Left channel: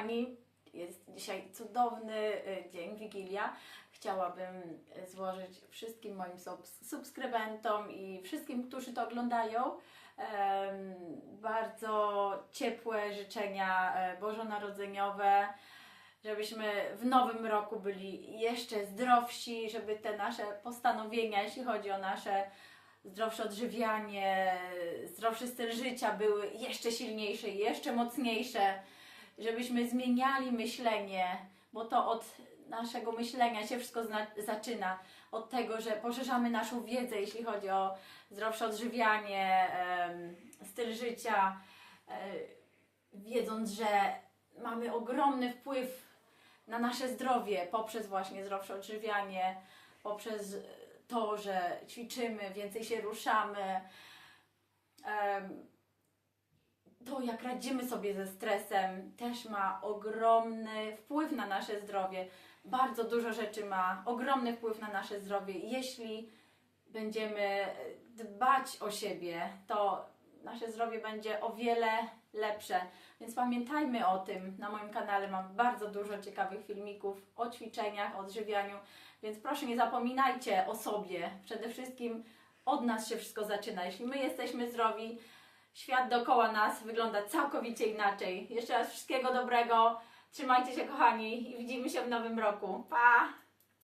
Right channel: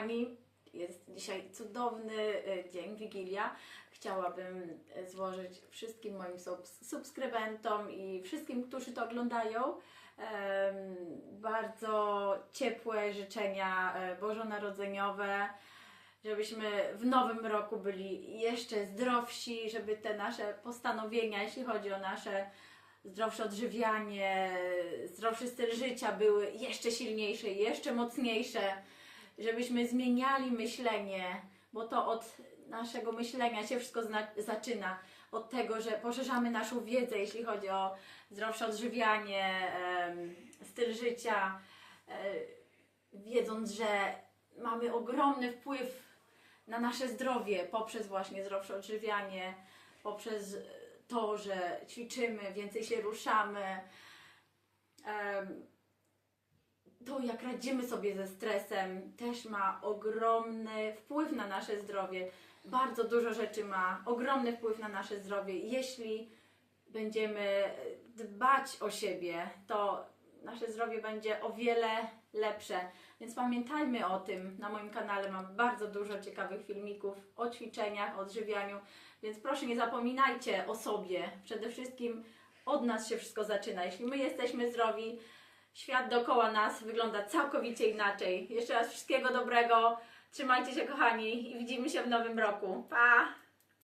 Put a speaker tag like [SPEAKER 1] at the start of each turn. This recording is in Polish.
[SPEAKER 1] kochani, jest dzisiaj cudowny y, dzień, Wigilia. Chciałabym y, złożyć wszystkim moim subs- subskrybentom i wszystkim, którzy to oglądają, bardzo ciepłe życzenia e, bożonarodzeniowe, żebyśmy w nowym roku byli jeszcze zdrowsi, żeby te nasze postanowienia, jeśli chodzi o nasze zdrowsze odżywianie, zdrowszy styl życia były jeszcze silniejsze, jeszcze mocniejsze, żebyśmy zmieniali myślenie, bo to od naszego myślenia się wszystko zaczyna. Od tego, że poszerzamy naszą wiedzę, jeśli chodzi o zdrowsze odżywianie, styl życia, e, wiedząc, że mamy ogromny wpływ na nasze zdrowie poprzez właśnie zdrowsze odżywianie, poprzez to, że ćwiczymy, więcej się ruszamy. To, jak radzimy sobie ze stresem, też ma ogromny wpływ na nasze zdrowie. Bardzo dużo rzeczy ma ogromny wpływ na nasze zdrowie. Jeśli będziemy dbać o siebie, to nasze zdrowie będzie o wiele lepsze. Więc pamiętajmy o tym. Na moim kanale mam bardzo dużo ciekawych filmików o ćwiczeniach, o odżywianiu, więc proszę nie zapominajcie o sobie. Przede wszystkim od nas się wszystko zaczyna. Jeśli my jesteśmy zdrowi, świat dookoła nas wygląda całkowicie inaczej. Jeszcze raz wszystkiego dobrego. Trzymajcie się kochani i widzimy się w nowym roku. Pa!